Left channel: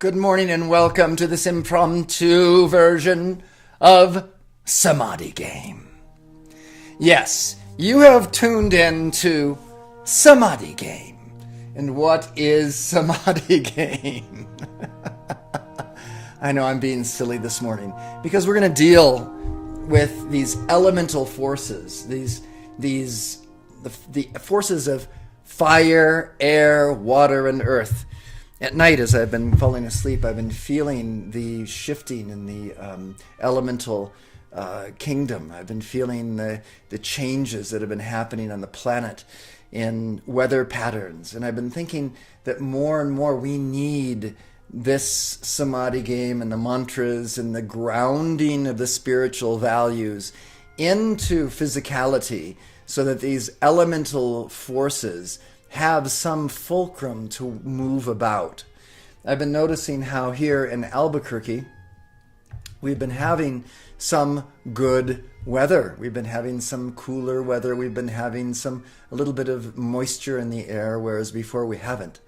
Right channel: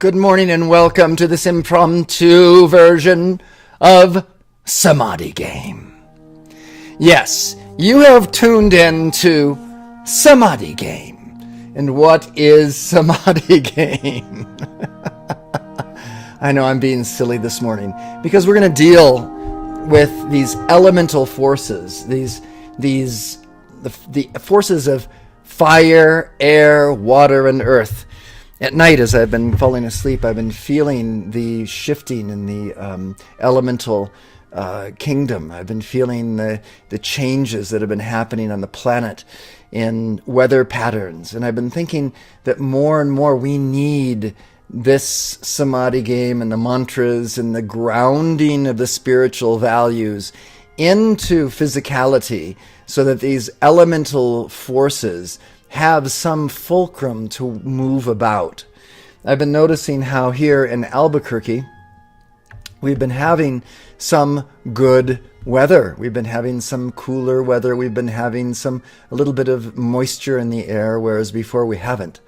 Good morning and welcome to this impromptu version of Samadhi Game. Yes, you have tuned in to Samadhi Game. And what is Samadhi Game? I know I'm being silly this morning because we're going to deal with these elemental forces, the forces of fire, air, water, and earth. At night, as I've been falling asleep, I've been feeling the shifting in the elemental kingdom. I've been feeling the changes that have been happening on the planet in weather patterns. And I've been thinking that more and more we need this Samadhi game and the mantras and the grounding of the spiritual values into physicality so that these elemental forces have some fulcrum to move about. I've been noticing how here in Albuquerque, we've been having some good weather. We've been having some cooler weather. We've been having a little bit of moisture in the air, whereas before we haven't.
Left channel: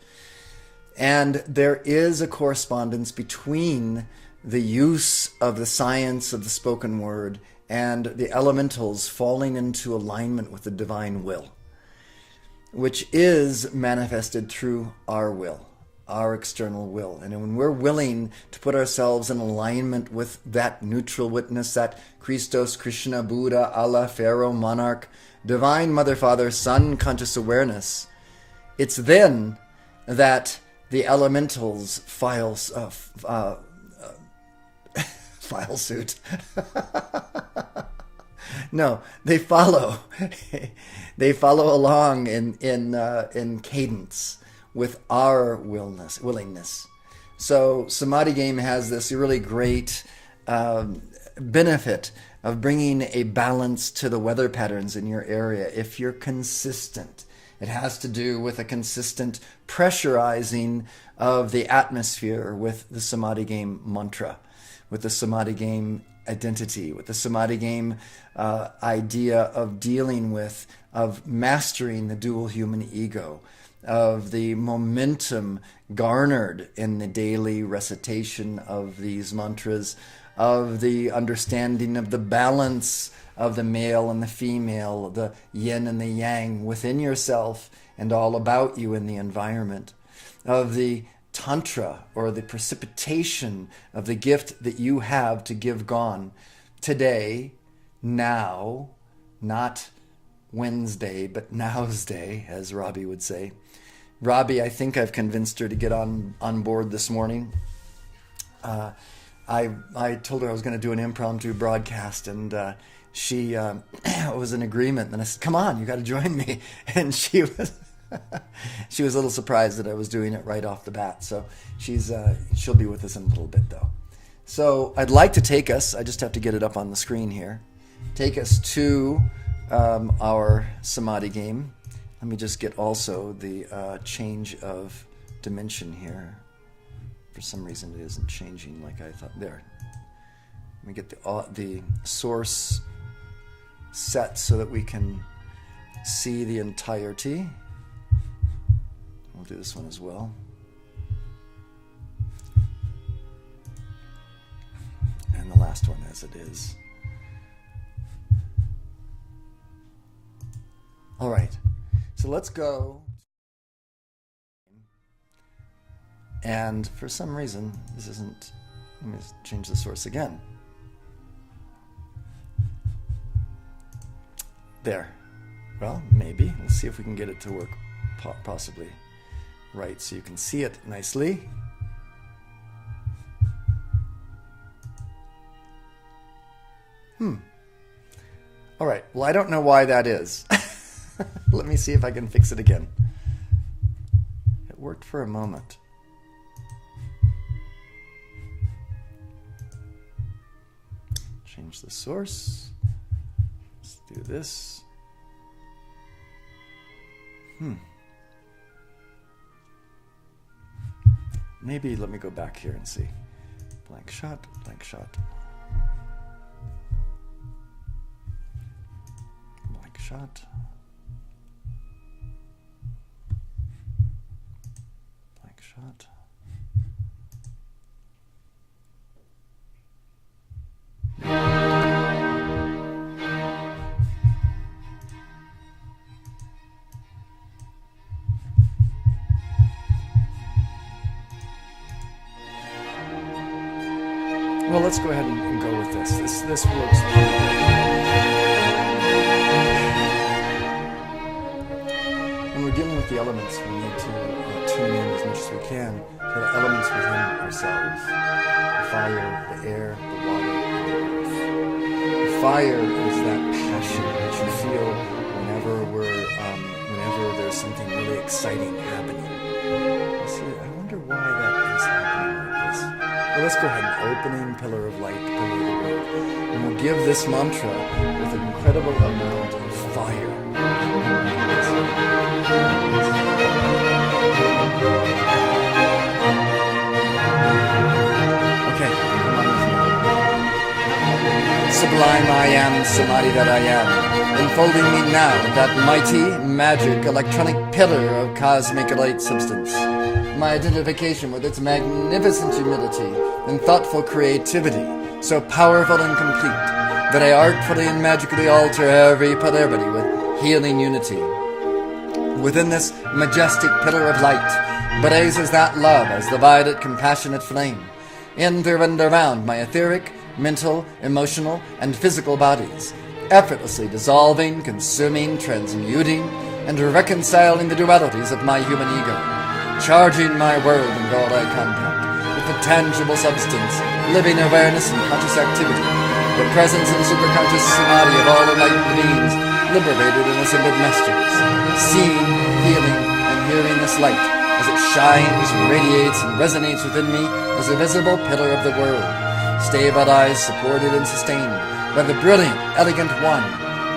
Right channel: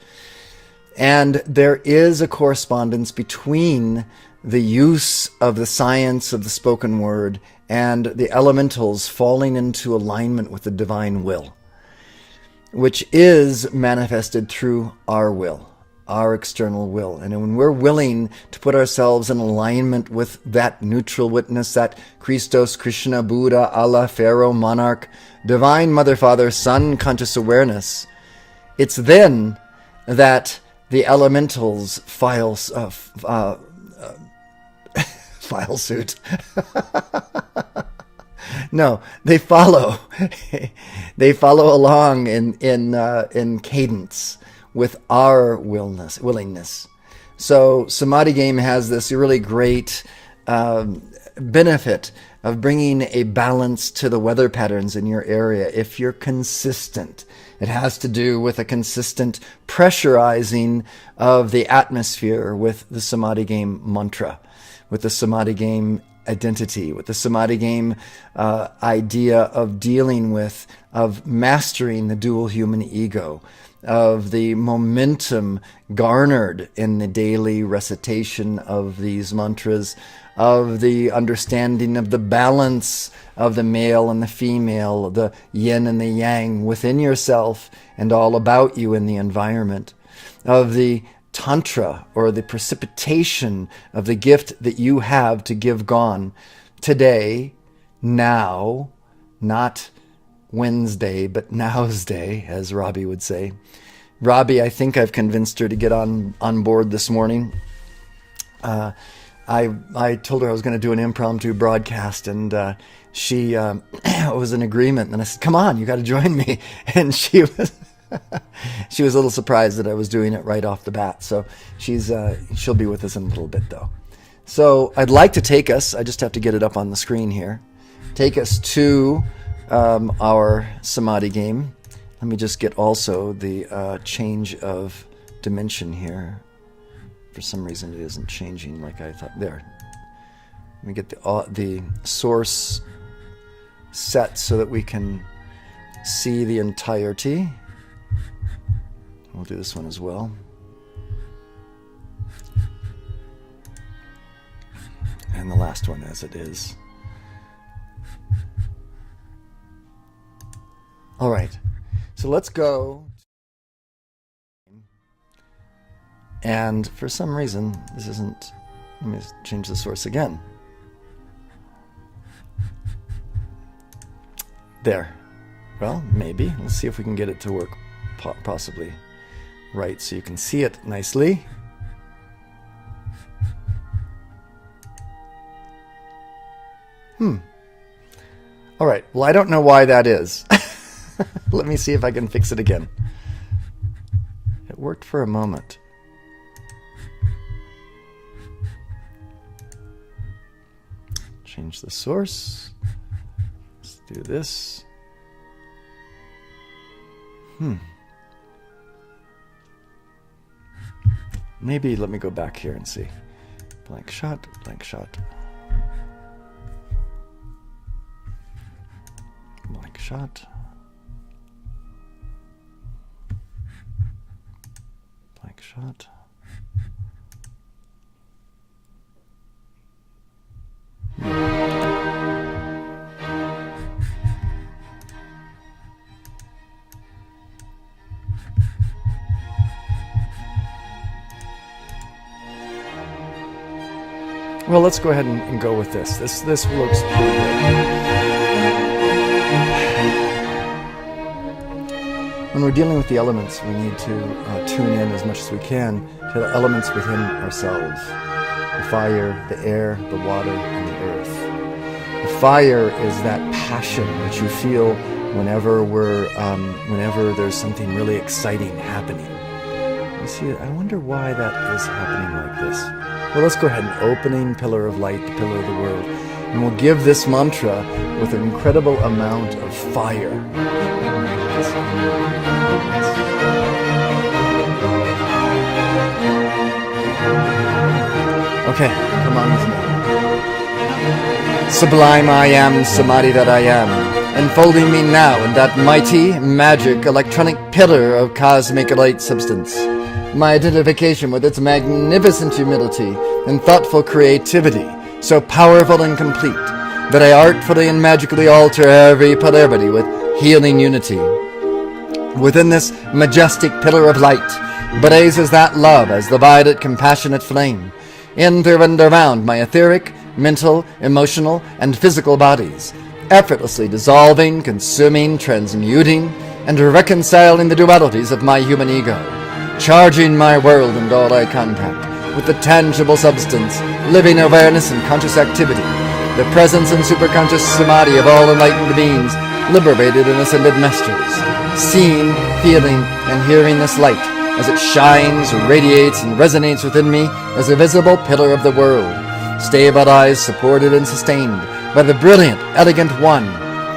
And there is a correspondence between the use of the science of the spoken word and the elementals falling into alignment with the divine will, which is manifested through our will, our external will. And when we're willing to put ourselves in alignment with that neutral witness, that Christos, Krishna, Buddha, Allah, Pharaoh, monarch, divine mother, father, son, conscious awareness, it's then that the elementals file suit. No, they follow. They follow along in cadence with our willingness. So Samadhi Game has this really great benefit of bringing a balance to the weather patterns in your area if you're consistent. It has to do with a consistent pressurizing of the atmosphere with the Samadhi Game mantra, with the Samadhi Game identity, with the Samadhi Game idea of dealing with, of mastering the dual human ego, of the momentum garnered in the daily recitation of these mantras, of the understanding of the balance of the male and the female, the yin and the yang within yourself and all about you in the environment, of the Tantra, or the precipitation of the gift that you have to give gone today, now, not Wednesday, but now's day, as Robbie would say. Robbie, I think I've convinced her to get on board this morning. I told her I was going to do an impromptu broadcast, and she was in agreement. And I said, "Come on, you got to join me." And she was a little surprised that I was doing it right off the bat. So she'll be with us in a little bit, though. So I'd like to take us, I just have to get it up on the screen here, take us to our Samadhi Game. Let me just get also the change of dimension here. For some reason it isn't changing like I thought. There. Let me get the source set so that we can see the entirety. We'll do this one as well. And the last one as it is. All right. So let's go. And for some reason, this isn't... Let me change the source again. There. Well, maybe. Let's see if we can get it to work possibly right so you can see it nicely. All right. Well, I don't know why that is. Let me see if I can fix it again. It worked for a moment. Change the source. Let's do this. Maybe let me go back here and see. Blank shot, blank shot. Blank shot. Blank shot. Well, let's go ahead and go with this. This looks pretty good. When we're dealing with the elements, we need to tune in as much as we can to the elements within ourselves. The fire, the air, the water, and the earth. The fire is that passion that you feel whenever whenever there's something really exciting happening. You see, I wonder why that is happening like this. Well, let's go ahead and opening pillar of light, the pillar of the world. And we'll give this mantra with an incredible amount of fire. Okay, come on with me. Sublime I am, Samadhi that I am, enfolding me now in that mighty, magic, electronic pillar of cosmic light substance. My identification with its magnificent humility and thoughtful creativity, so powerful and complete, that I artfully and magically alter every polarity with healing unity. Within this majestic pillar of light blazes that love as the violet compassionate flame, in through and around my etheric, mental, emotional, and physical bodies, effortlessly dissolving, consuming, transmuting, and reconciling the dualities of my human ego, charging my world and all I contact with the tangible substance, living awareness and conscious activity, the presence and superconscious samadhi of all enlightened beings, liberated and ascended masters, seeing, feeling, and hearing this light as it shines, radiates, and resonates within me as a visible pillar of the world, stabilized, supported, and sustained by the brilliant, elegant one,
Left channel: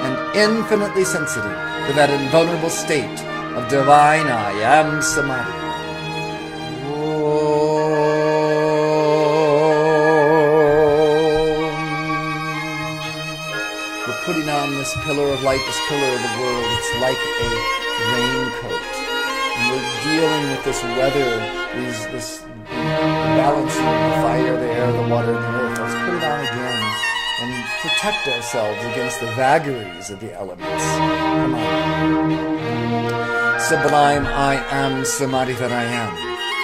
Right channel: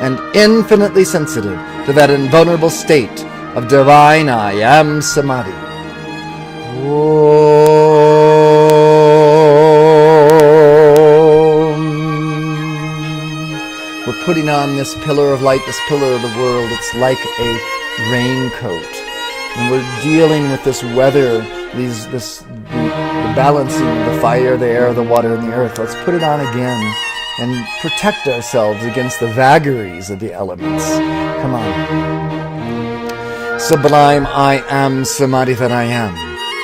and infinitely sensitive to that invulnerable state of divine I am Samadhi. We're putting on this pillar of light, this pillar of the world. It's like a raincoat. And we're dealing with this weather, the balancing of the fire, the air, the water, and the earth. Let's put it on again and protect ourselves against the vagaries of the elements. Come on. Sublime I am Samadhi that I am,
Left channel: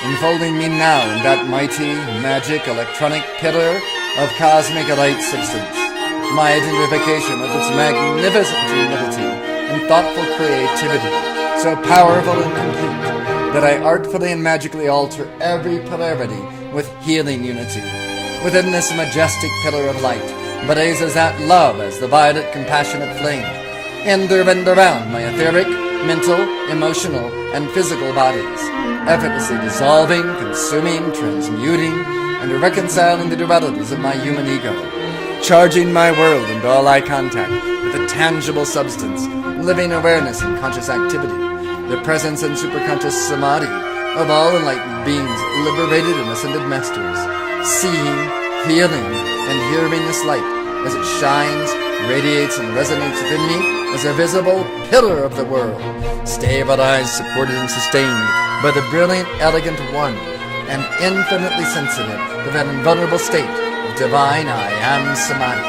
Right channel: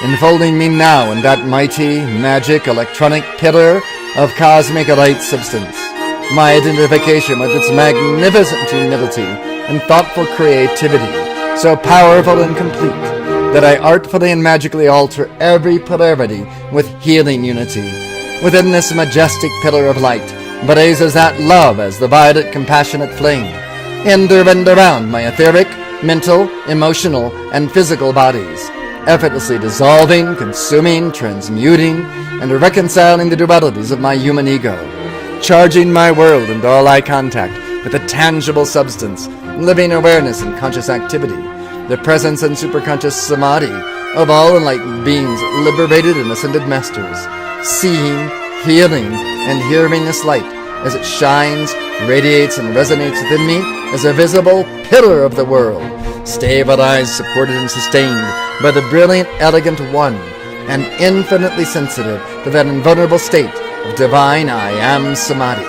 enfolding me now in that mighty, magic, electronic pillar of cosmic light substance. My identification with its magnificent humility and thoughtful creativity, so powerful and complete, that I artfully and magically alter every polarity with healing unity. Within this majestic pillar of light blazes that love as the violet compassionate flame, in through and around my etheric, mental, emotional, and physical bodies, effortlessly dissolving, consuming, transmuting, and reconciling the dualities of my human ego, charging my world and all I contact with a tangible substance, living awareness and conscious activity, the presence and superconscious samadhi of all enlightened beings, liberated and ascended masters, seeing, feeling, and hearing this light as it shines, radiates, and resonates within me as a visible pillar of the world, stabilized, supported, and sustained by the brilliant, elegant one, and infinitely sensitive to that invulnerable state of divine I am Samadhi.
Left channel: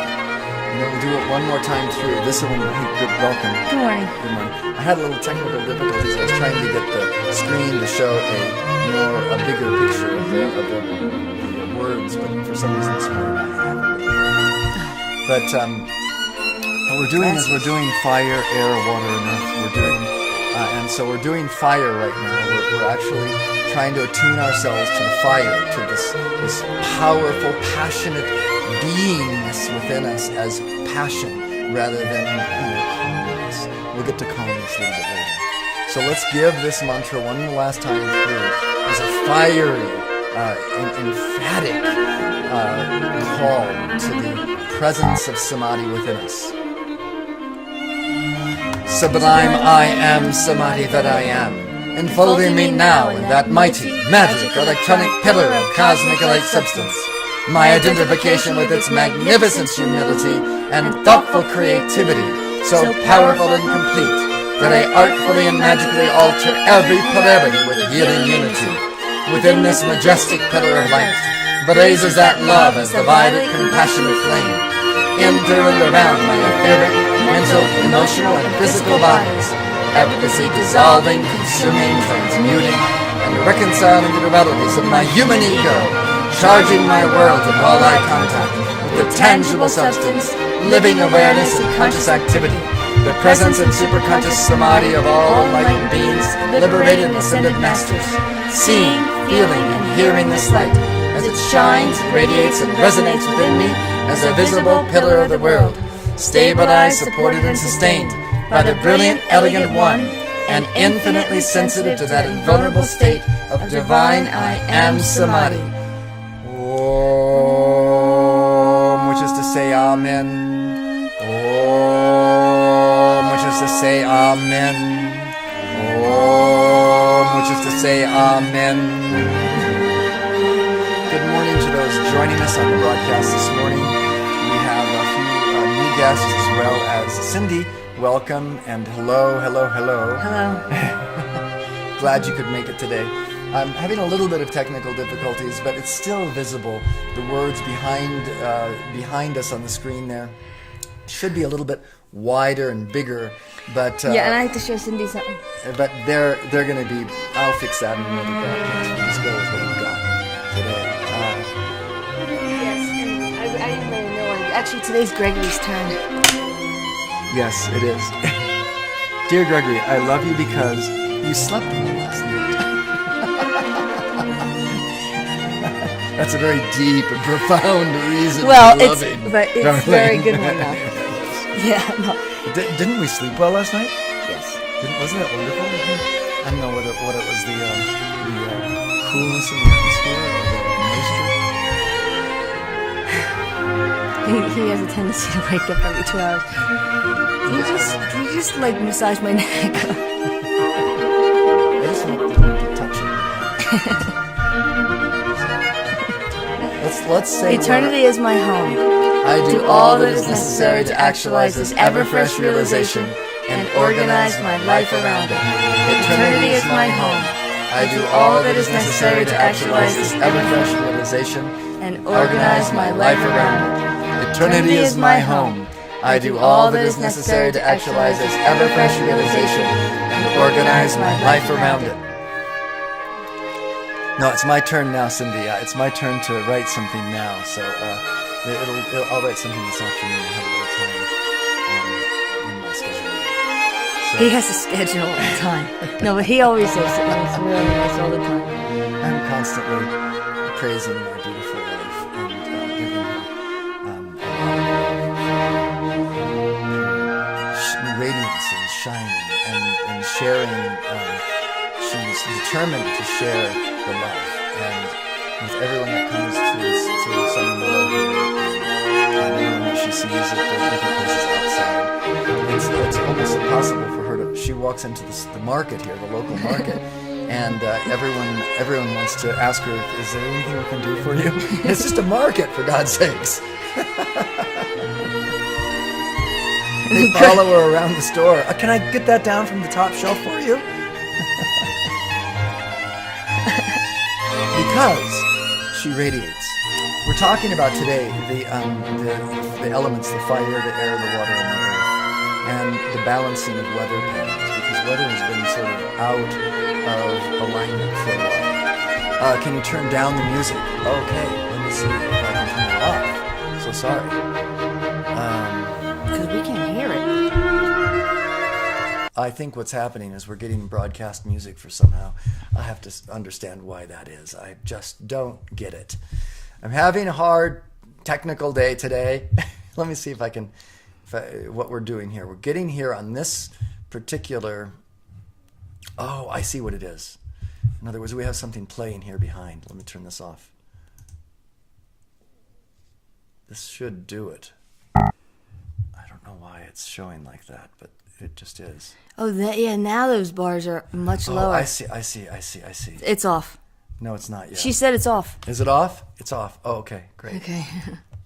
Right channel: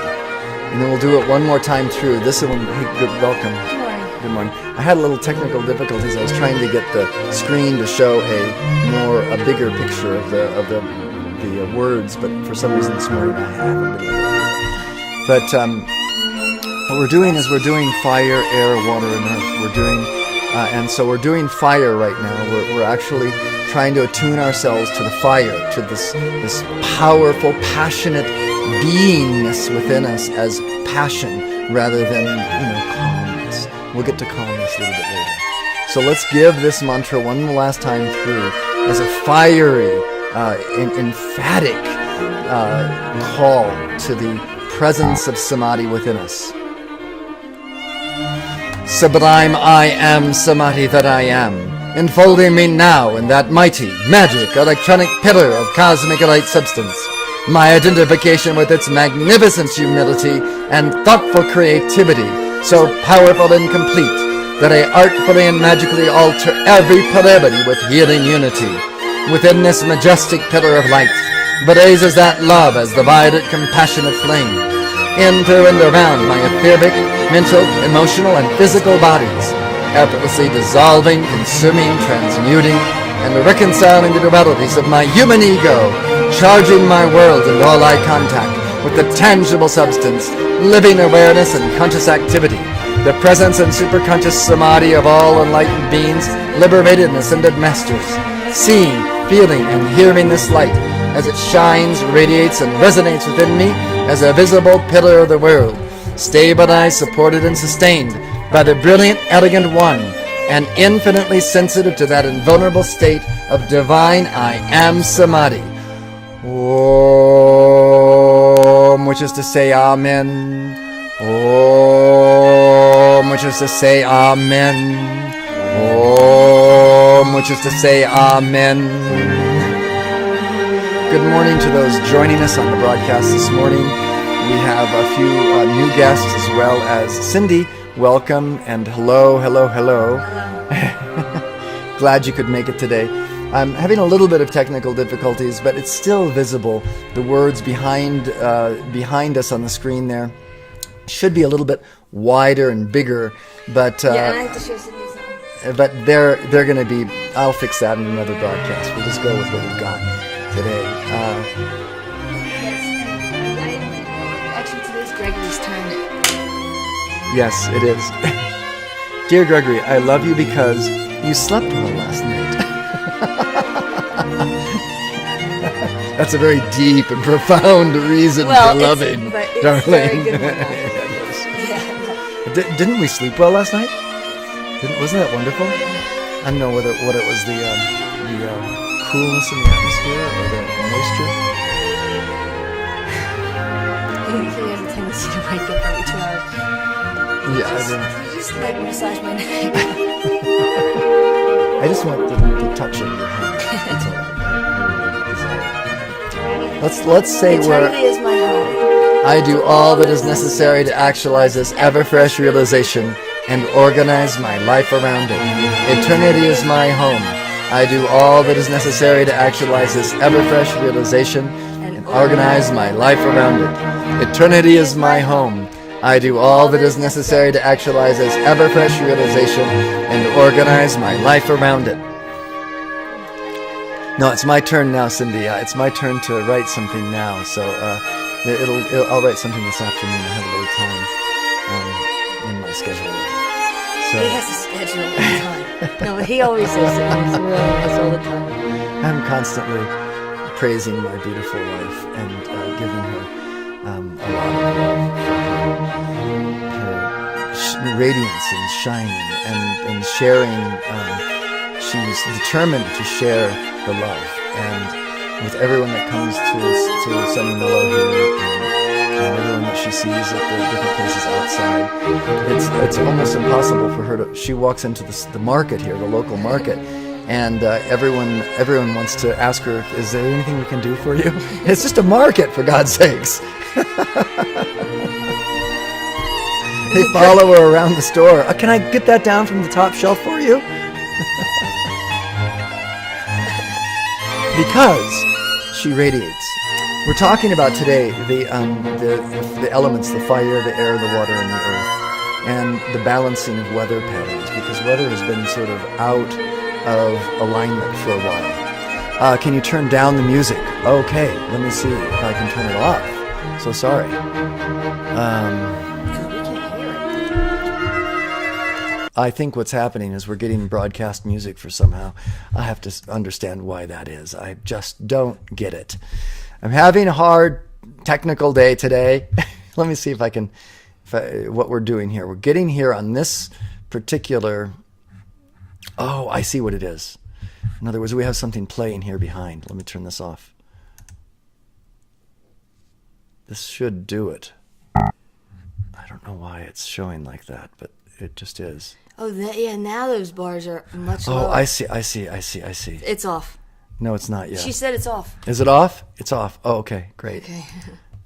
And then we'll do it one more time through. This one, hey, good, welcome. Good morning. Good morning. I had a little technical difficulties. I was trying to get the screen to show a bigger picture of the words, but for some reason this morning I haven't been able to do it. But what we're doing is we're doing fire, air, water, and earth. We're doing, and so we're doing fire right now. We're actually trying to attune ourselves to the fire, to this powerful, passionate beingness within us as passion rather than, calmness. we'll get to calmness a little bit later. So let's give this mantra one last time through as a fiery, emphatic call to the presence of Samadhi within us. Sublime I am Samadhi that I am, enfolding me now in that mighty, magic, electronic pillar of cosmic light substance. My identification with its magnificent humility and thoughtful creativity, so powerful and complete, that I artfully and magically alter every polarity with healing unity. Within this majestic pillar of light, blazes that love as the violet compassionate flame. In, through, and around my etheric, mental, emotional, and physical bodies, effortlessly dissolving, consuming, transmuting, and reconciling the dualities of my human ego, charging my world and all eye contact with the tangible substance, living awareness and conscious activity, the presence and superconscious samadhi of all enlightened beings, liberated and ascended masters, seeing, feeling, and hearing this light as it shines, radiates, and resonates within me as a visible pillar of the world, stabilized, supported, and sustained by the brilliant, elegant one, and infinitely sensitive to that invulnerable state of divine I am Samadhi. Om, which is to say Amen. Om, which is to say Amen. Om, which is to say Amen. Good morning to those joining us on the broadcast this morning. We have a few new guests as well as Cindy. Welcome and hello. Hello. Glad you could make it today. I'm having a little bit of technical difficulties, but it's still visible. The words behind us on the screen there should be a little bit wider and bigger, but yeah, and I have to show Cindy something. But they're going to be. I'll fix that in another broadcast. We'll just go with what we've got today. Yes, and I didn't really know. Actually, today's Gregory's turn. Yes, it is. Dear Gregory, I love you because you slept well last night. That's a very deep and profound reason for loving, but it's darling. a very good one, though. It is. Yeah. No. Didn't we sleep well last night? Yes. Wasn't that wonderful? I don't know what it was, the coolness in the atmosphere or the moisture. He has a tendency to wake up every 2 hours. You just like massage my neck. I just want the touch of your hand. Let's say eternity is my home. I do all that is necessary to actualize this ever-fresh realization and organize my life around it. Eternity is my home. I do all that is necessary to actualize this ever-fresh realization and organize my life around it. Eternity is my home. I do all that is necessary to actualize this ever-fresh realization and organize my life around it. No, it's my turn now, Cindy. It's my turn to write something now. So I'll write something this afternoon. I have a little time in my schedule. So, he has a schedule all the time. No, but he always says it's really nice all the time. I'm constantly praising my beautiful wife and giving her a lot of love for her radiance and shining and sharing. She's determined to share the love, and with everyone that comes to Sunny Mellow here, and everyone that she sees at the different places outside, it's almost impossible for her to. She walks into the market here, the local market, and everyone wants to ask her, "Is there anything we can do for you?" It's just a market, for God's sakes. They follow her around the store. Can I get that down from the top shelf for you? Because she radiates. We're talking about today the elements, the fire, the air, the water, and the earth, and the balancing of weather patterns, because weather has been sort of out of alignment for a while. Can you turn down the music? Okay, let me see if I can turn it off. So sorry. Because we can't hear it. I think what's happening is we're getting broadcast music for somehow. I have to understand why that is. I just don't get it. I'm having a hard technical day today. Let me see if I can, what we're doing here. We're getting here on this particular... Oh, I see what it is. In other words, we have something playing here behind. Let me turn this off. This should do it. I don't know why it's showing like that, but it just is. Oh, yeah, now those bars are much lower. Oh, I see. It's off. No, it's not yet. She said it's off. Is it off? It's off. Oh, okay, great. Okay.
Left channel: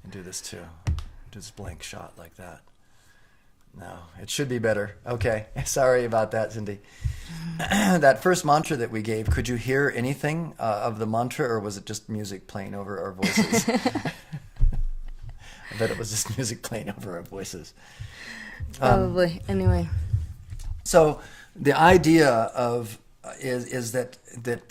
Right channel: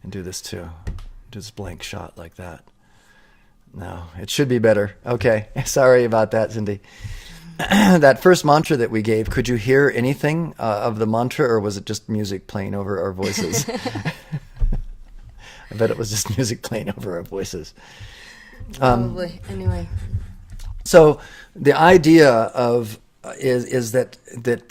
And do this too. Do this blank shot like that. No, it should be better. Okay, sorry about that, Cindy. That first mantra that we gave, could you hear anything of the mantra, or was it just music playing over our voices? I bet it was just music playing over our voices. Probably. Anyway. So the idea of is that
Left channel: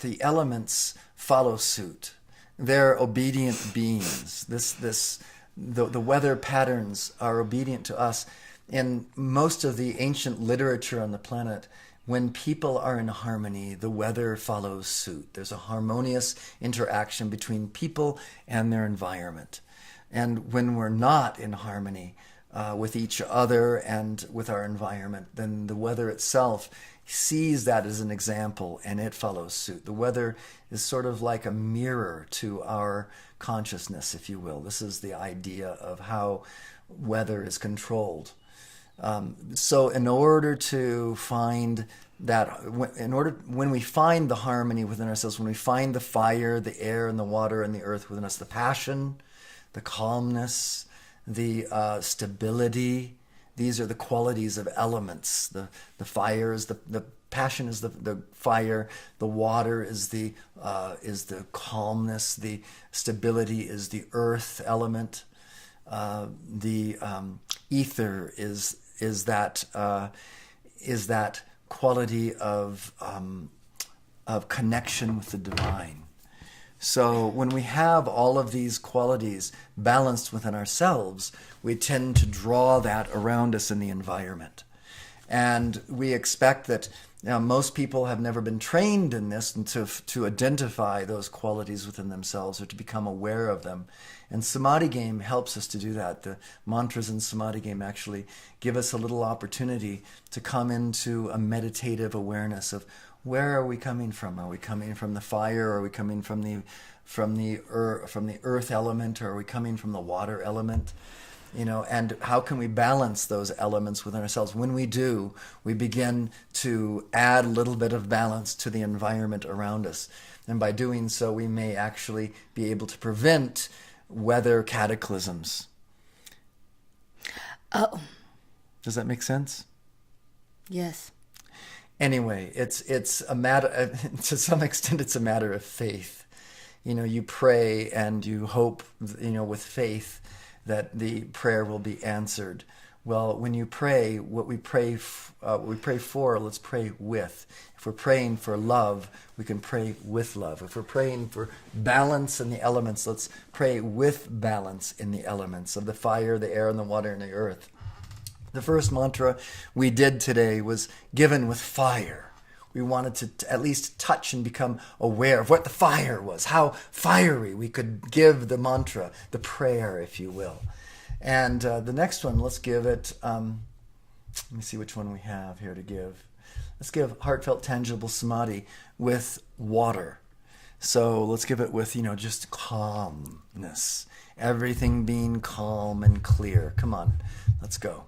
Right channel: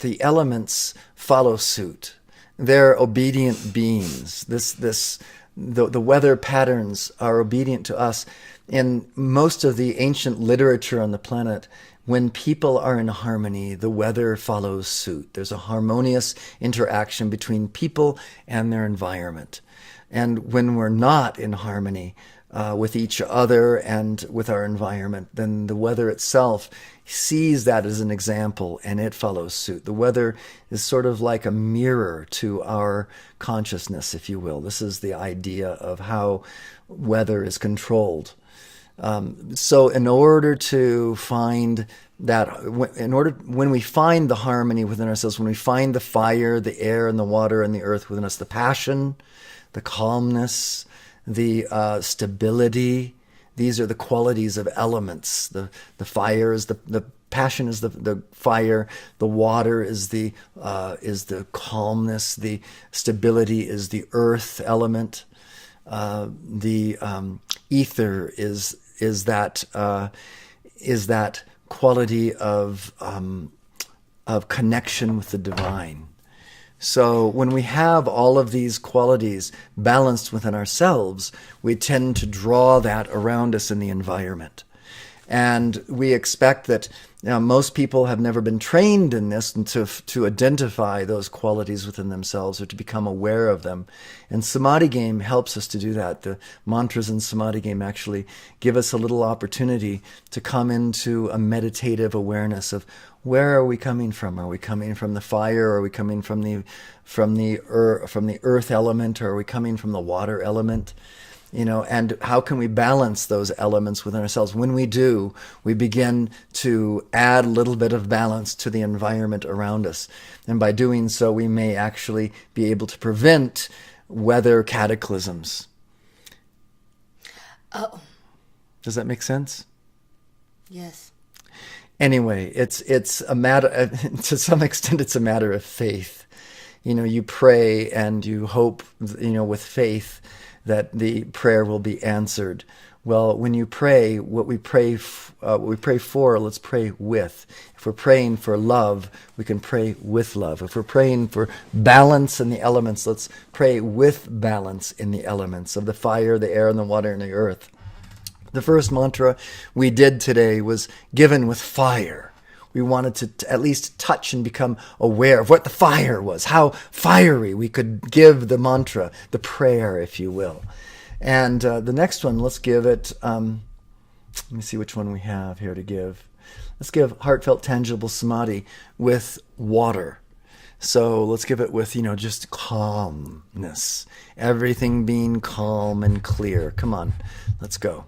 the elements follow suit. They're obedient beings. The weather patterns are obedient to us. In most of the ancient literature on the planet, when people are in harmony, the weather follows suit. There's a harmonious interaction between people and their environment. And when we're not in harmony with each other and with our environment, then the weather itself sees that as an example and it follows suit. The weather is sort of like a mirror to our consciousness, if you will. This is the idea of how weather is controlled. So in order to find that, when we find the harmony within ourselves, when we find the fire, the air, and the water, and the earth within us, the passion, the calmness, the stability, these are the qualities of elements. The fire is the passion is the fire. The water is the calmness. The stability is the earth element. The ether is that quality of connection with the divine. So when we have all of these qualities balanced within ourselves, we tend to draw that around us in the environment. And we expect that most people have never been trained in this and to identify those qualities within themselves or to become aware of them. And Samadhi Game helps us to do that. The mantras in Samadhi Game actually give us a little opportunity to come into a meditative awareness of where are we coming from? Are we coming from the fire? Are we coming from the earth element? Or are we coming from the water element? And how can we balance those elements within ourselves? When we do, we begin to add a little bit of balance to the environment around us. And by doing so, we may actually be able to prevent weather cataclysms. Oh. Does that make sense? Yes. Anyway, it's a matter, to some extent, it's a matter of faith. You pray and you hope, with faith, that the prayer will be answered. Well, when you pray, what we pray for, let's pray with. If we're praying for love, we can pray with love. If we're praying for balance in the elements, let's pray with balance in the elements of the fire, the air, and the water, and the earth. The first mantra we did today was given with fire. We wanted to at least touch and become aware of what the fire was, how fiery we could give the mantra, the prayer, if you will. And the next one, let's give it, let me see which one we have here to give. Let's give heartfelt, tangible samadhi with water. So let's give it with, just calmness. Everything being calm and clear. Come on, let's go.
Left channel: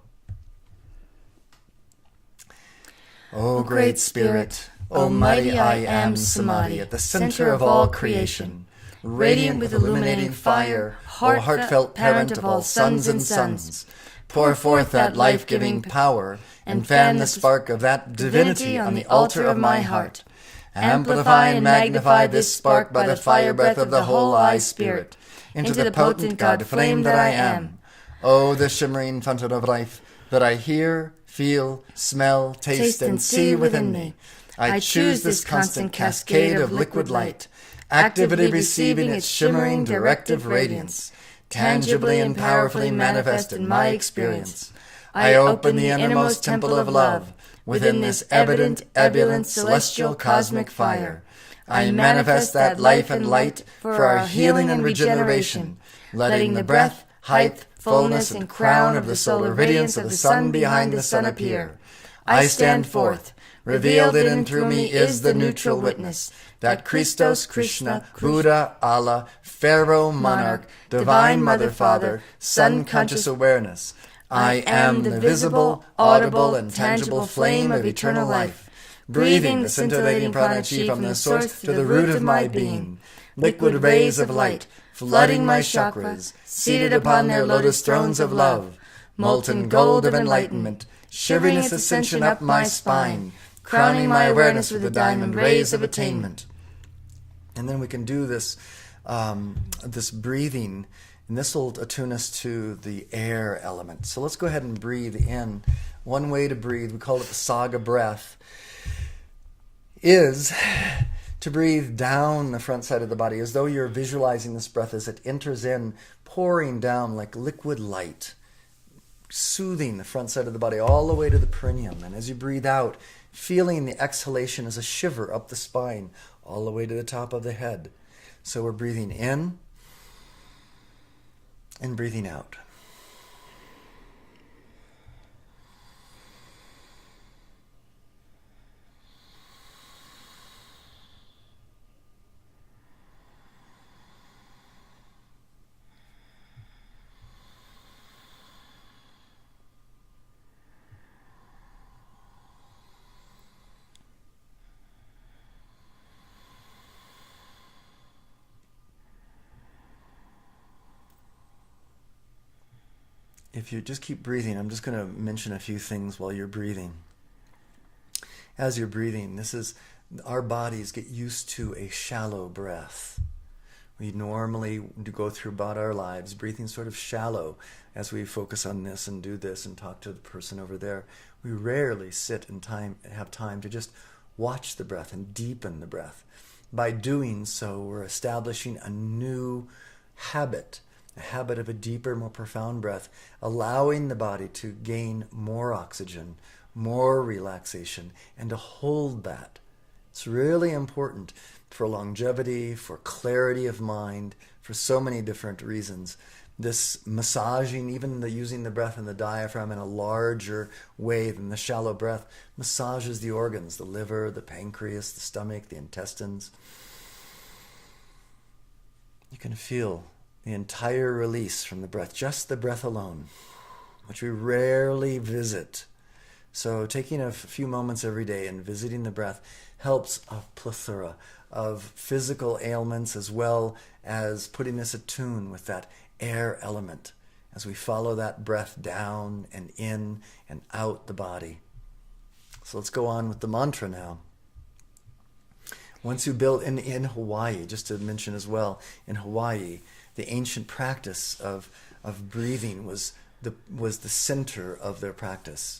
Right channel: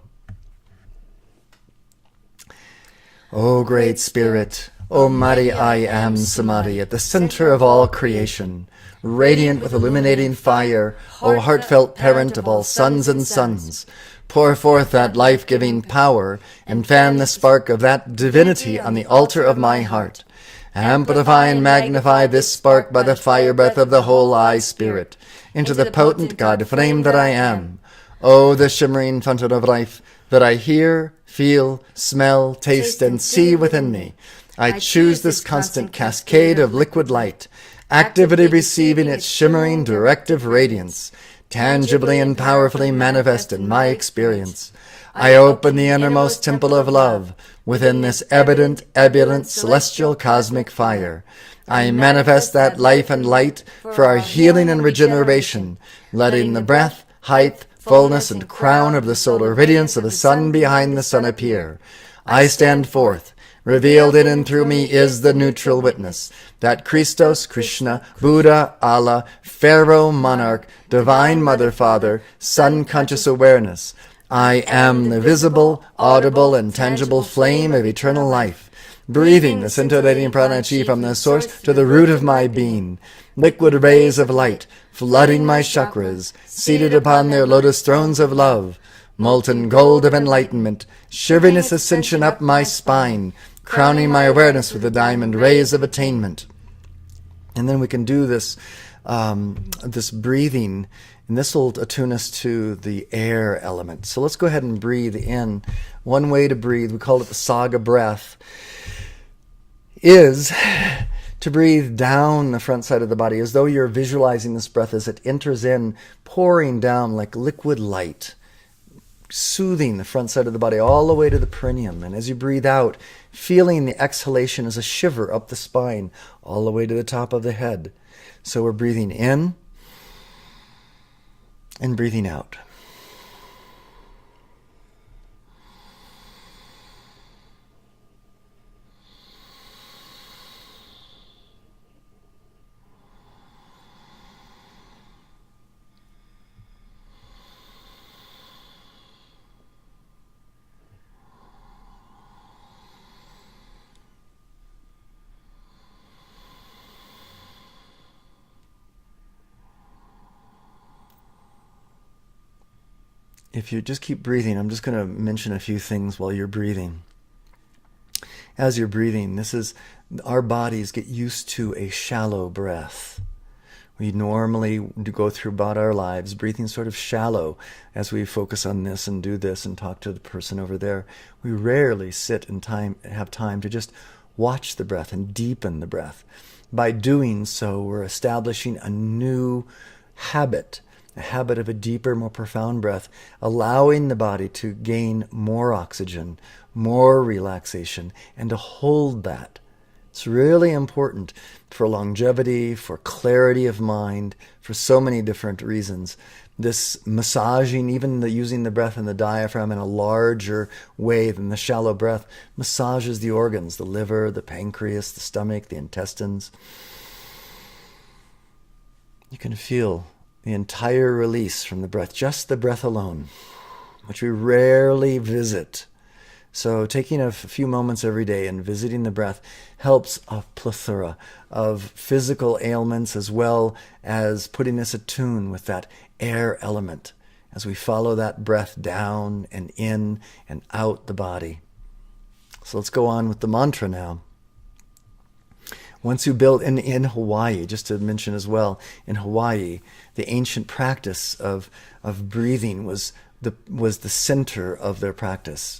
O Great Spirit, O Mighty I Am Samadhi, at the center of all creation, radiant with illuminating fire, O heartfelt parent of all sons and sons, pour forth that life-giving power and fan the spark of that divinity on the altar of my heart. Amplify and magnify this spark by the fire breath of the whole I Spirit, into the potent God flame that I am. O the shimmering fountain of life that I hear, feel, smell, taste, and see within me. I choose this constant cascade of liquid light, actively receiving its shimmering directive radiance, tangibly and powerfully manifest in my experience. I open the innermost temple of love within this evident, ebullient, celestial cosmic fire. I manifest that life and light for our healing and regeneration, letting the breath, height, fullness, and crown of the solar radiance of the sun behind the sun appear. I stand forth. Revealed in and through me is the neutral witness that Christos, Krishna, Buddha, Allah, Pharaoh, Monarch, Divine Mother, Father, Sun conscious awareness. I am the visible, audible, and tangible flame of eternal life, breathing the scintillating prana chi from the source to the root of my being. Liquid rays of light, flooding my chakras, seated upon their lotus thrones of love. Molten gold of enlightenment, shivering its ascension up my spine, crowning my awareness with the diamond rays of attainment. And then we can do this, this breathing, and this will attune us to the air element. So let's go ahead and breathe in. One way to breathe, we call it the saga breath, is to breathe down the front side of the body, as though you're visualizing this breath as it enters in, pouring down like liquid light, soothing the front side of the body all the way to the perineum. And as you breathe out, feeling the exhalation as a shiver up the spine, all the way to the top of the head. So we're breathing in and breathing out. If you just keep breathing, I'm just going to mention a few things while you're breathing. As you're breathing, our bodies get used to a shallow breath. We normally go through about our lives breathing sort of shallow as we focus on this and do this and talk to the person over there. We rarely sit and have time to just watch the breath and deepen the breath. By doing so, we're establishing a new habit, a habit of a deeper, more profound breath, allowing the body to gain more oxygen, more relaxation, and to hold that. It's really important for longevity, for clarity of mind, for so many different reasons. This massaging, even using the breath and the diaphragm in a larger way than the shallow breath, massages the organs, the liver, the pancreas, the stomach, the intestines. You can feel the entire release from the breath, just the breath alone, which we rarely visit. So taking a few moments every day and visiting the breath helps a plethora of physical ailments, as well as putting us attuned with that air element as we follow that breath down and in and out the body. So let's go on with the mantra now. Once you build in Hawaii, just to mention as well, in Hawaii, the ancient practice of breathing was the center of their practice.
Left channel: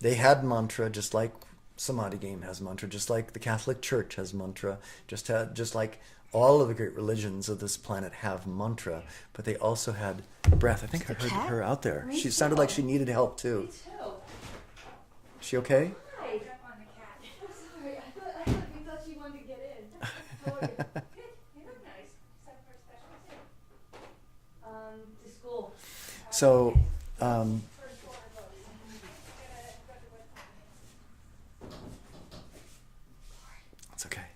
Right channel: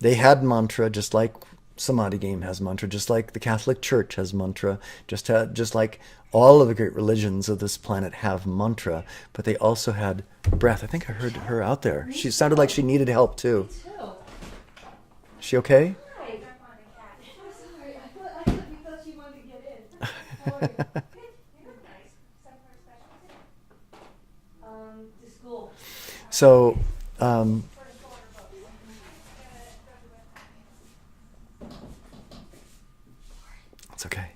They had mantra, just like Samadhi game has mantra, just like the Catholic Church has mantra, just like all of the great religions of this planet have mantra, but they also had breath. I think I heard her out there. She sounded like she needed help too. Is she okay? So, it's okay.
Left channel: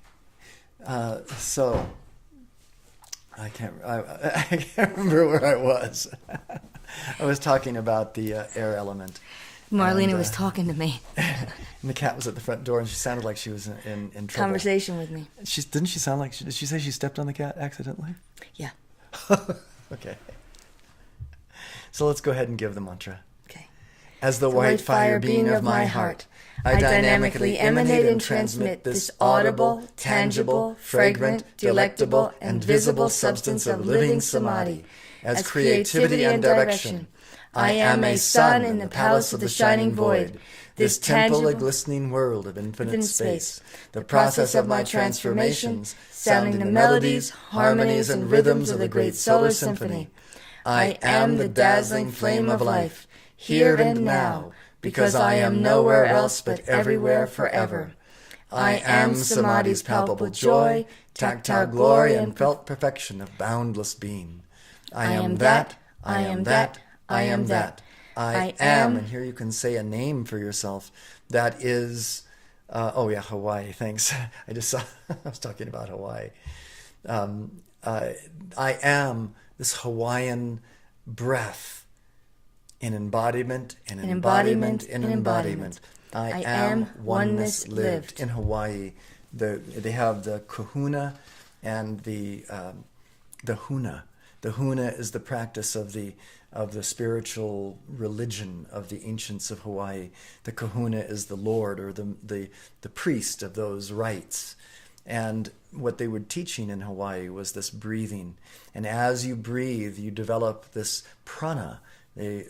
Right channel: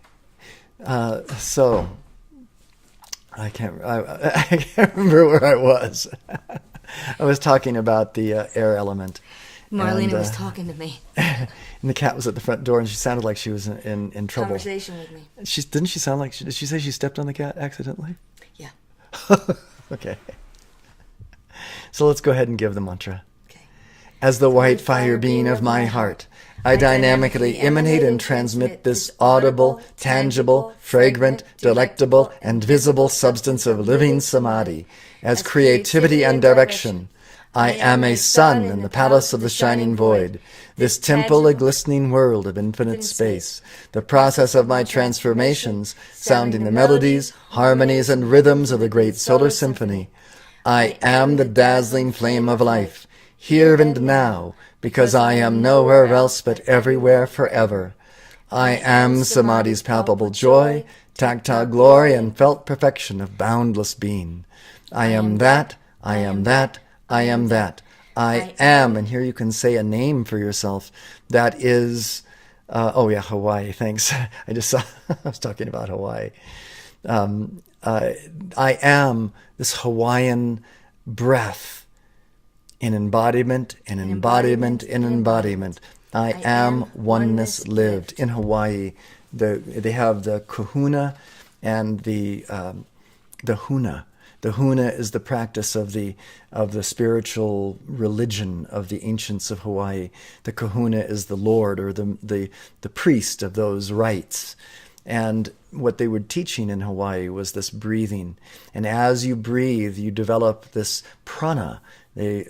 So, I can't remember where I was. I was talking about the air element. Marlena was talking to me. And the cat was at the front door, and she sounded like she was in trouble. Conversation with me. Didn't she sound like, did she say she stepped on the cat accidentally? Yeah. Okay. So let's go ahead and give the mantra. Okay. As the white fire being of my heart, I dynamically emanate and transmit this audible, tangible, fragrant, delectable, and visible substance of living samadhi as creativity and direction. I am a sun in the palace of the shining void, this temple a glistening world of infinite space, the process of my transformations, sounding the melodies, harmonies, and rhythms of the great solar symphony. I am the dazzling flame of life, here and now, because I am nowhere else but everywhere forever. I am Samadhi's palpable joy, tactile glory, and felt perfection of boundless being. I am that, I am that, I am that. I am. And here you can say a name for yourself. That is, Hawaii. Thanks. I just saw, I was talking about Hawaii. I am this Hawaiian breath in embodiment, in embodiment, in embodiment. I am oneness lived. In Hawaii, they have the kahuna and the huna. The huna is the practice of the spiritual religion of the ancients of Hawaii. The kahuna is the lord or the priest of those rites. And what they were teaching in Hawaii was this breathing. And as you breathe, you develop this prana,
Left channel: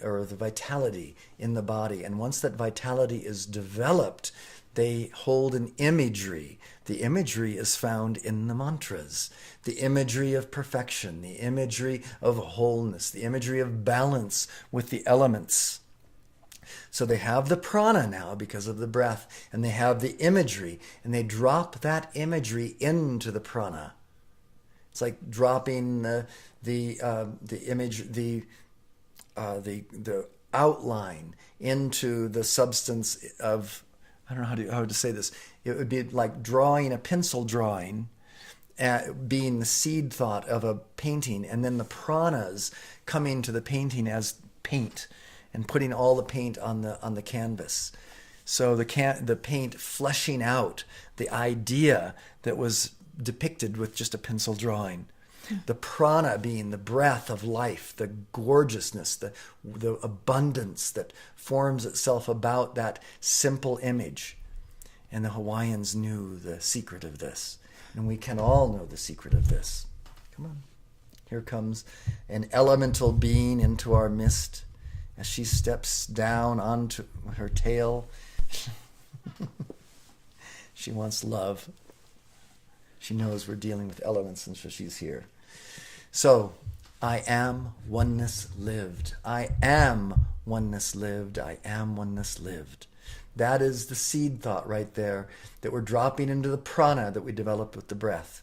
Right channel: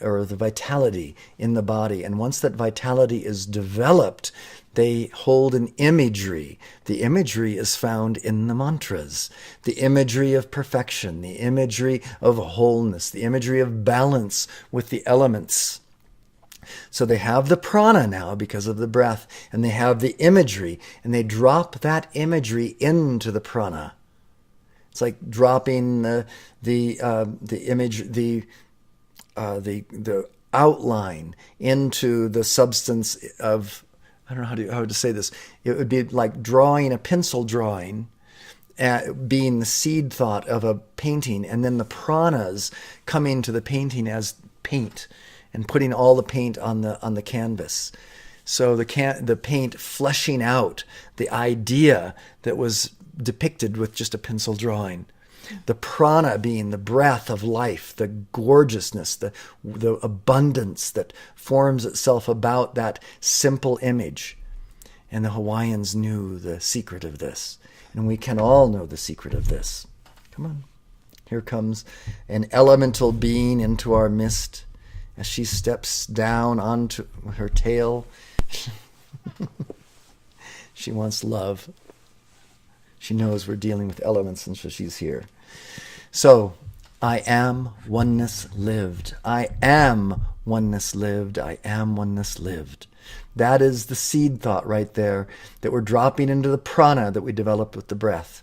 or the vitality in the body. And once that vitality is developed, they hold an imagery. The imagery is found in the mantras. The imagery of perfection, the imagery of wholeness, the imagery of balance with the elements. So they have the prana now because of the breath, and they have the imagery, and they drop that imagery into the prana. It's like dropping the image, the outline into the substance of, I don't know how to say this. It would be like drawing a pencil drawing, being the seed thought of a painting, and then the pranas coming to the painting as paint, and putting all the paint on the canvas. So the paint fleshing out the idea that was depicted with just a pencil drawing. The prana being the breath of life, the gorgeousness, the abundance that forms itself about that simple image. And the Hawaiians knew the secret of this. And we can all know the secret of this. Come on. Here comes an elemental being into our midst as she steps down onto her tail. She wants love. She knows we're dealing with elements, and so she's here. So, I am oneness lived. I am oneness lived. I am oneness lived. That is the seed thought right there that we're dropping into the prana that we developed with the breath.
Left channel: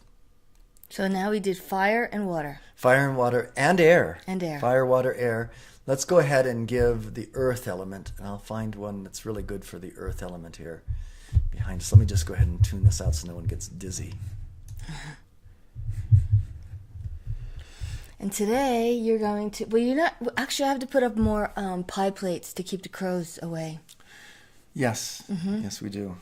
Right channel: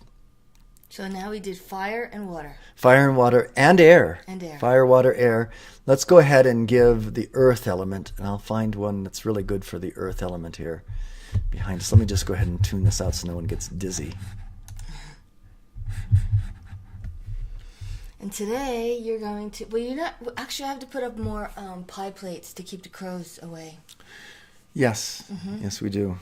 So now we did fire and water. Fire and water and air. And air. Fire, water, air. Let's go ahead and give the earth element, and I'll find one that's really good for the earth element here behind us. Let me just go ahead and tune this out so no one gets dizzy. And today you're going to, actually I have to put up more pie plates to keep the crows away. Yes, yes we do.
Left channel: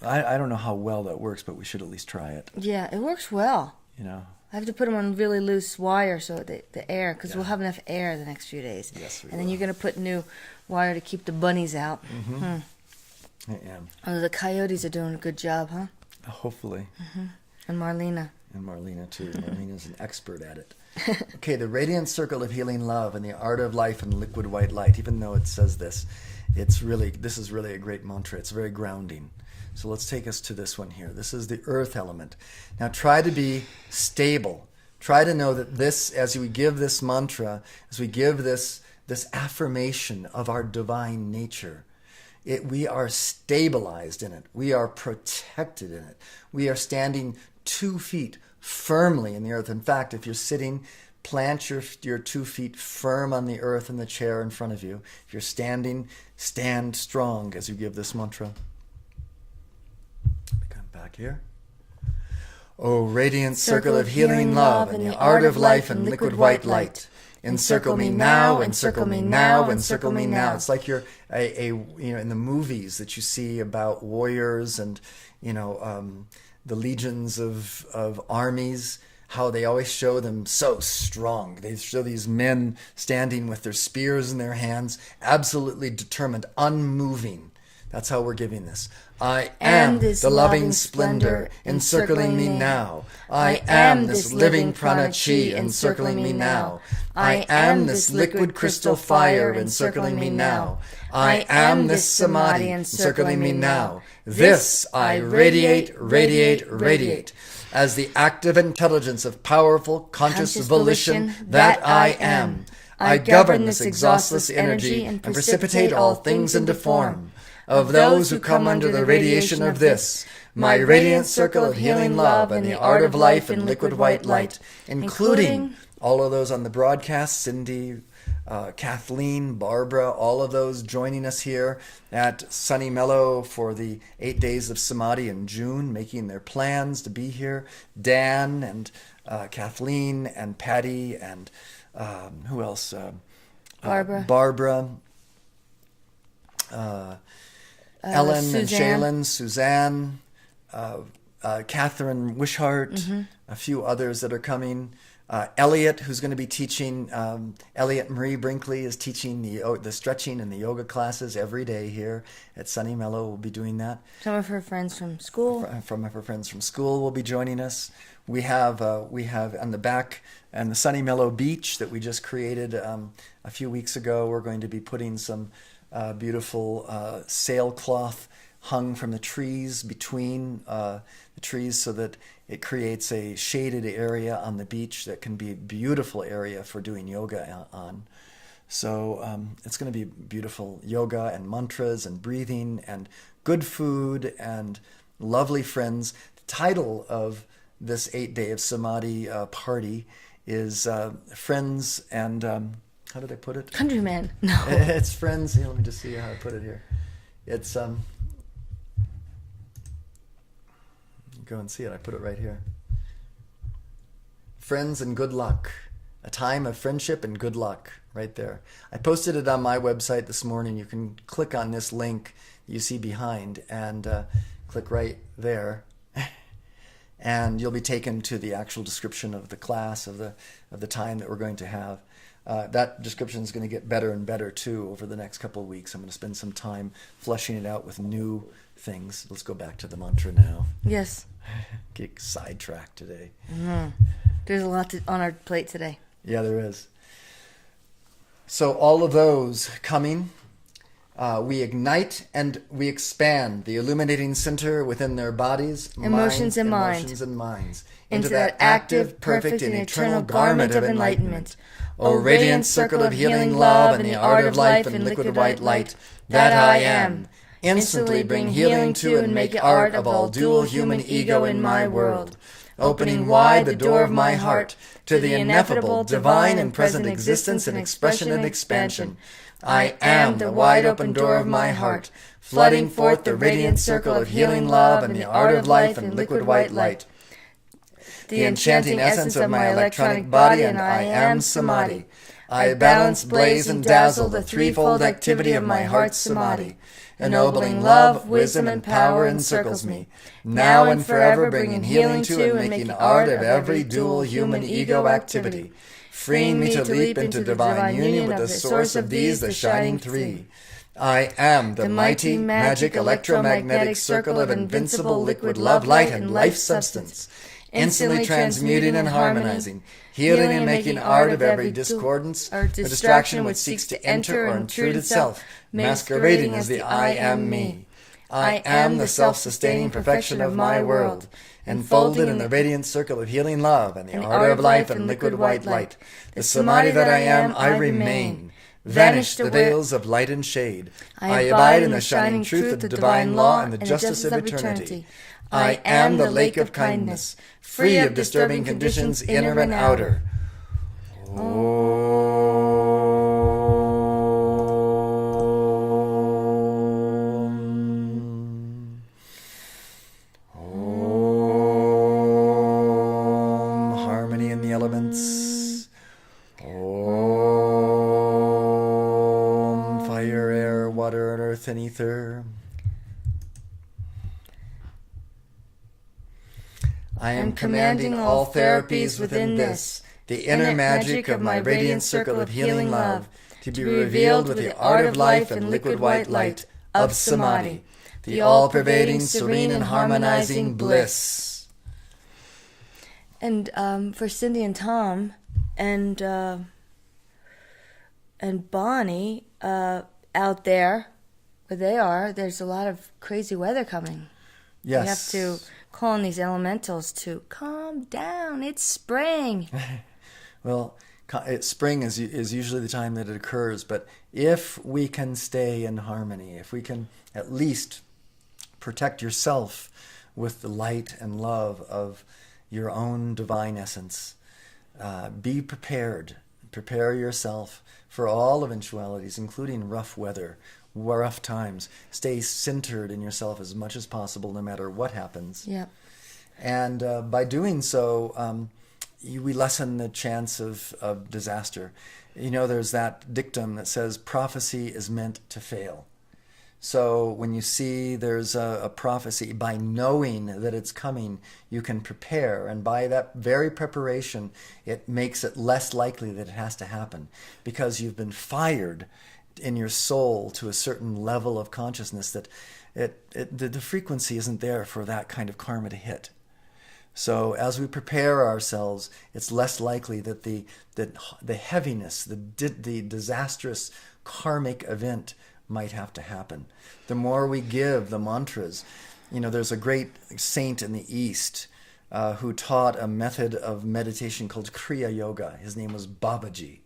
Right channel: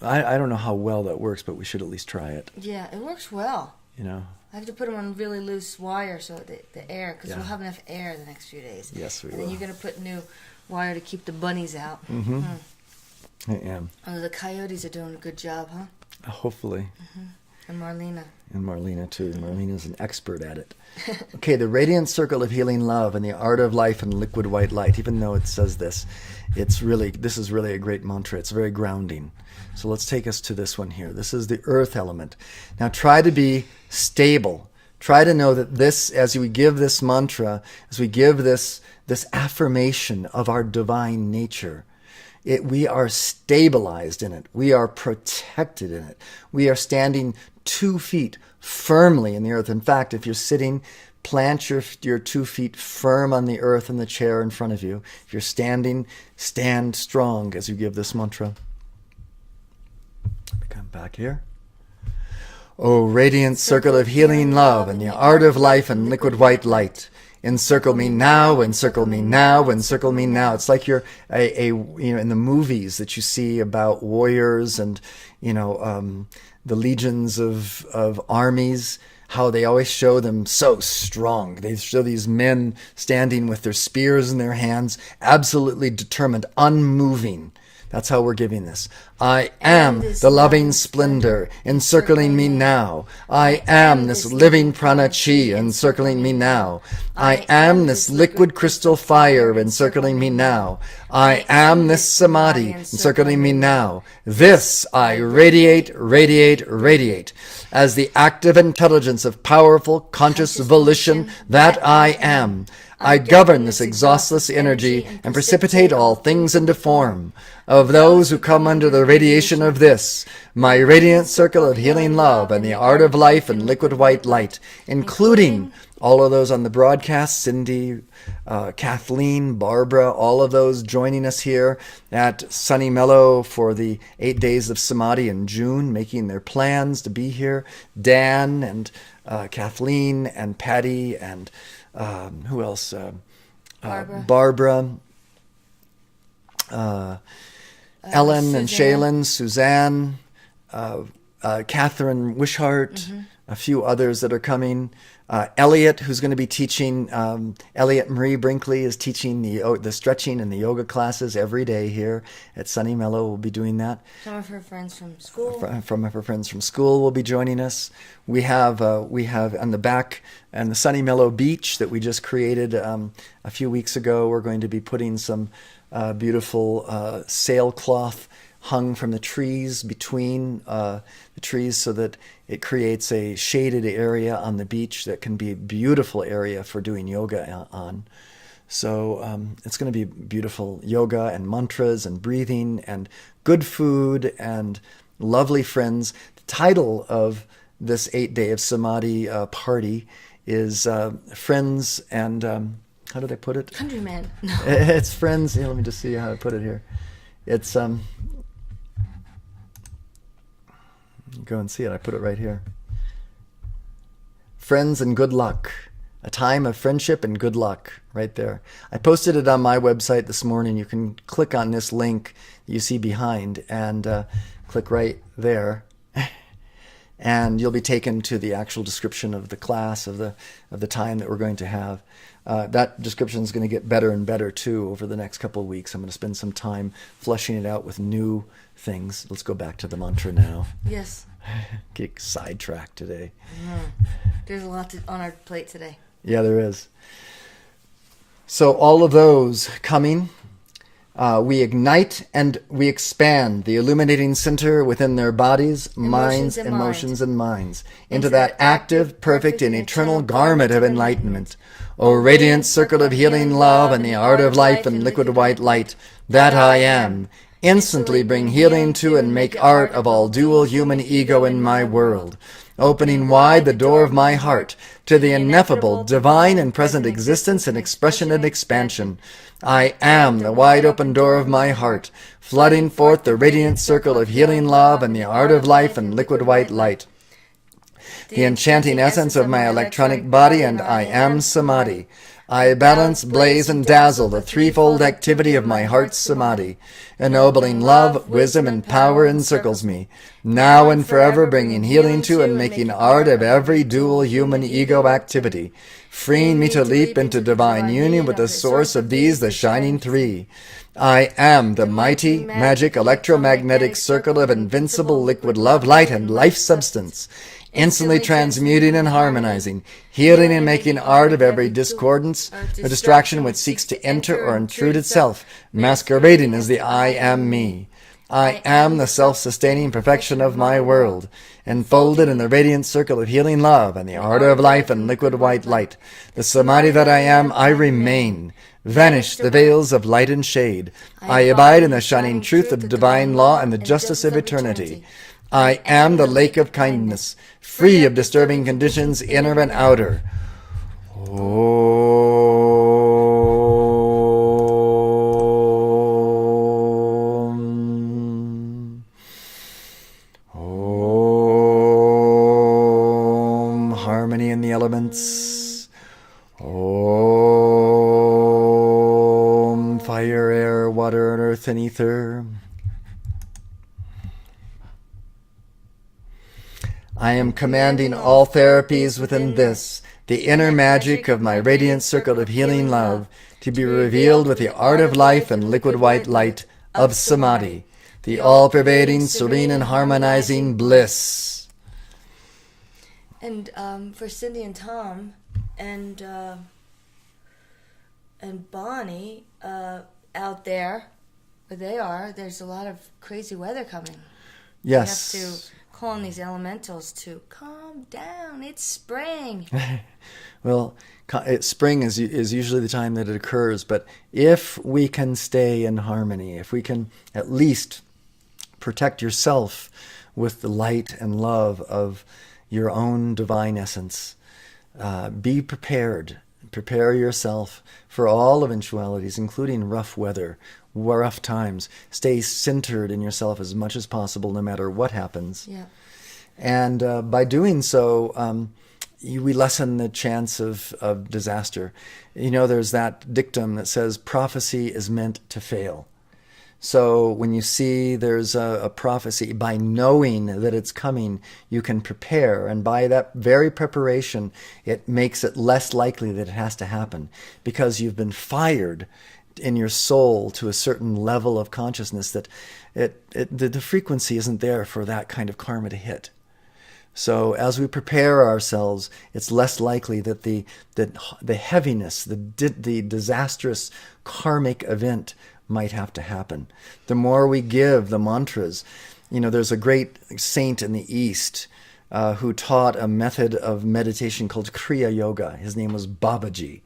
I don't know how well that works, but we should at least try it. Yeah, it works well. You know. I have to put them on really loose wire so the air, because we'll have enough air the next few days. Yes, we will. And then you're going to put new wire to keep the bunnies out. I am. Oh, the coyotes are doing a good job, huh? Hopefully. And Marlena. And Marlena, too. Marlena's an expert at it. Okay, the radiant circle of healing love and the art of life and liquid white light. Even though it says this, this is really a great mantra. It's very grounding. So let's take us to this one here. This is the earth element. Now try to be stable. Try to know that this, as we give this mantra, as we give this affirmation of our divine nature, we are stabilized in it. We are protected in it. We are standing 2 feet firmly in the earth. In fact, if you're sitting, plant your 2 feet firm on the earth in the chair in front of you. If you're standing, stand strong as you give this mantra. Come back here. O radiant circle of healing love and the art of life and liquid white light. Encircle me now, encircle me now, encircle me now. It's like you're in the movies that you see about warriors and the legions of armies, how they always show them so strong. They show these men standing with their spears in their hands, absolutely determined, unmoving. That's how we're giving this. I am the loving splendor encircling me now. I am this living prana chi encircling me now. I am this liquid crystal fire encircling me now. I am this samadhi encircling me now. This I radiate, radiate, radiate. As the active intelligence of powerful conscious volition that I am. I govern this exhaustless energy and precipitate all things into form. Of those who come under the radiation of this, my radiant circle of healing love and the art of life and liquid white light, including all of those on the broadcast, Cindy, Kathleen, Barbara, all of those joining us here at Sunny Mellow for the 8 days of Samadhi in June, making their plans to be here. Dan and Kathleen and Patty and who else? Barbara. Ellen Suzanne. and Shaylin, Suzanne, Catherine Wishart, a few others that are coming. Elliot, who's going to be teaching, Elliot Marie Brinkley is teaching the stretching and the yoga classes every day here at Sunny Mellow. We'll be doing that. Some of her friends from school. From her friends from school will be joining us. We have on the back and the Sunny Mellow beach that we just created a few weeks ago. We're going to be putting some beautiful sailcloth hung from the trees between the trees so that it creates a shaded area on the beach that can be a beautiful area for doing yoga on. So it's going to be beautiful yoga and mantras and breathing and good food and lovely friends. The title of this 8 day of Samadhi party is Friends and... how did I put it? Countryman. No. It's friends. Here, let me just see how I put it here. It's go and see it. I put it right here. Friends and good luck. A time of friendship and good luck. Right there. I posted it on my website this morning. You can click on this link you see behind and click right there. And you'll be taken to the actual description of the class, of the time that we're going to have. That description is going to get better and better too over the next couple of weeks. I'm going to spend some time fleshing it out with new things. Let's go back to the mantra now. Yes. Get sidetracked today. There's a lot on our plate today. Yeah, there is. So all of those coming, we ignite and we expand the illuminating center within their bodies, minds, emotions, and minds into that active, perfect, and eternal garment of enlightenment. O radiant circle of healing love and the art of life and liquid white light, that I am, instantly bring healing to and make art of all dual human ego in my world, opening wide the door of my heart to the ineffable, divine and present existence and expression and expansion. I am the wide open door of my heart, flooding forth the radiant circle of healing love and the art of life and liquid white light. The enchanting essence of my electronic body, and I am Samadhi. I balance, blaze, and dazzle the threefold activity of my heart's Samadhi. Ennobling love, wisdom, and power encircles me, now and forever bringing healing to and making art of every dual human ego activity, freeing me to leap into divine union with the source of these, the shining three. I am the mighty, magic, electromagnetic circle of invincible liquid love, light, and life substance, instantly transmuting and harmonizing, healing and making art of every discordance or distraction which seeks to enter or intrude itself, masquerading as the I am me. I am the self-sustaining perfection of my world, enfolded in the radiant circle of healing love and the art of life and liquid white light. The Samadhi that I am, I remain. Vanish the veils of light and shade. I abide in the shining truth of the divine law and the justice of eternity. I am the lake of kindness, free of disturbing conditions, inner and outer. Om. Om. Harmony in the elements. Om. Fire, air, water, and earth and ether. I am commanding all therapies within this, the inner magic of my radiant circle of healing love, to be revealed with the art of life and liquid white light of Samadhi, the all-pervading, serene, and harmonizing bliss. And for Cindy and Tom and Bonnie out there, where they are, there's a lot of crazy weather coming. Yes. We have to call on these elementals to calm down. It's spring. Well, spring is usually the time that it occurs, but if we can stay in harmony, if we can at least protect yourself with the light and love of your own divine essence, be prepared Prepare yourself for all eventualities, including rough weather, rough times. Stay centered in yourself as much as possible, no matter what happens. Yeah. And by doing so, we lessen the chance of disaster. There's that dictum that says prophecy is meant to fail. So when you see there's a prophecy, by knowing that it's coming, you can prepare. And by that very preparation, it makes it less likely that it has to happen, because you've been fired in your soul to a certain level of consciousness that the frequency isn't there for that kind of karma to hit. So as we prepare ourselves, it's less likely that the heaviness, the disastrous karmic event might have to happen. The more we give the mantras, there's a great saint in the East who taught a method of meditation called Kriya Yoga. His name was Babaji.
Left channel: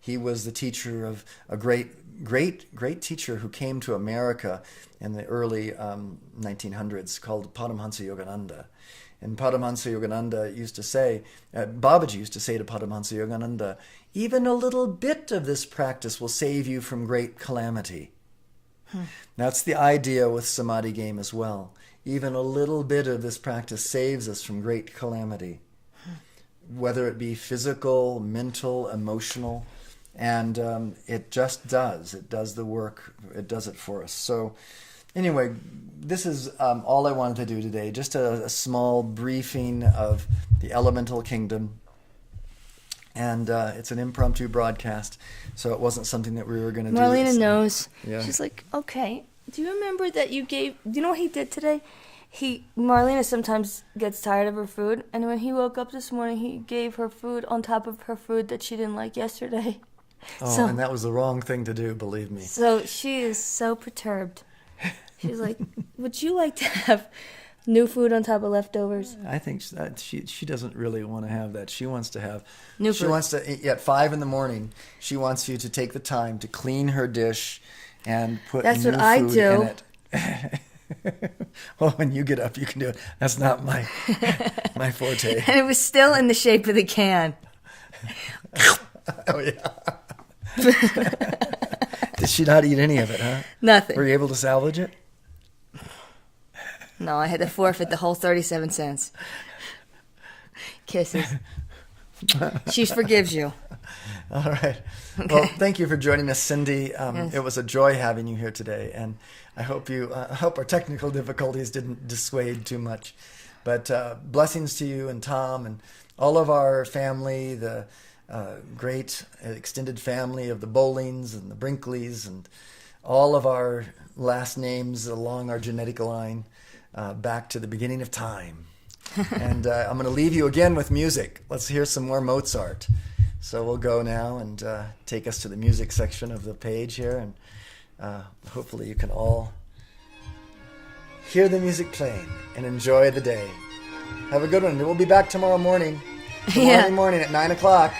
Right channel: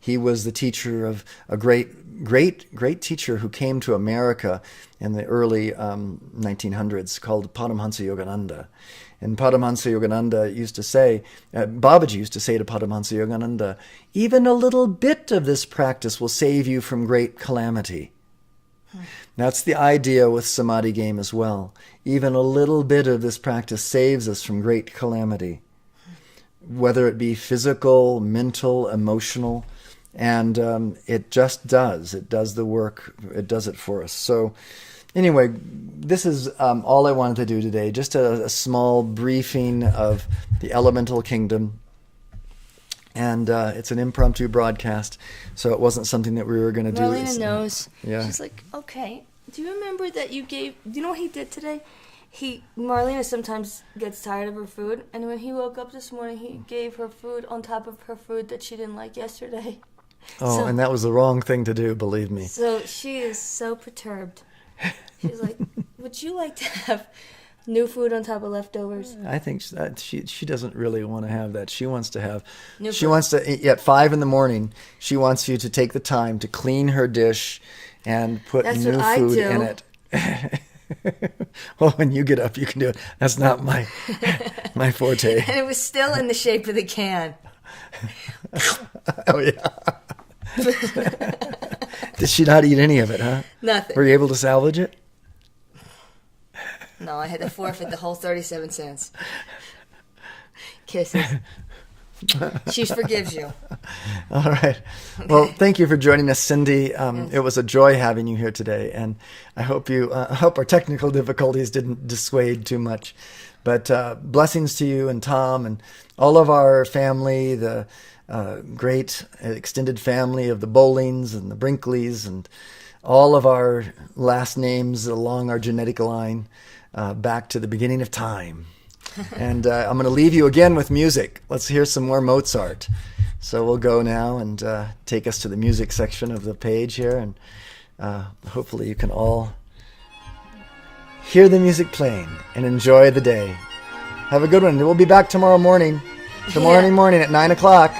He was the teacher of a great teacher who came to America in the early 1900s called Paramahansa Yogananda. And Paramahansa Yogananda used to say, Babaji used to say to Paramahansa Yogananda, even a little bit of this practice will save you from great calamity. That's the idea with Samadhi game as well. Even a little bit of this practice saves us from great calamity, whether it be physical, mental, emotional, and it just does. It does the work. It does it for us. So anyway, this is all I wanted to do today, just a small briefing of the elemental kingdom. And it's an impromptu broadcast, so it wasn't something that we were going to do. Marlena knows. Yeah. She's like, okay, do you remember that you gave... Do you know what he did today? Marlena sometimes gets tired of her food, and when he woke up this morning, he gave her food on top of her food that she didn't like yesterday. Oh, and that was the wrong thing to do, believe me. So she is so perturbed. She's like, would you like to have new food on top of leftovers? I think she doesn't really want to have that. She wants to have new she food. Wants to at 5 a.m. She wants you to take the time to clean her dish and put That's new what I food do. in it. Well, when you get up, you can do it. That's not my forte. And it was still in the shape of the can. Oh yeah. Did she not eat any of it, huh? Nothing. Were you able to salvage it? No, I had to forfeit the whole 37 cents. Kisses. She forgives you. All right. Okay. Well, thank you for joining us, Cindy. Yes. It was a joy having you here today, and I hope our technical difficulties didn't dissuade too much. But blessings to you and Tom and all of our family, the great extended family of the Bowlings and the Brinkleys, and all of our last names along our genetic line. Back to the beginning of time. And I'm going to leave you again with music. Let's hear some more Mozart. So we'll go now and take us to the music section of the page here. And hopefully you can all hear the music playing and enjoy the day. Have a good one. We'll be back tomorrow morning. Tomorrow morning at 9 o'clock.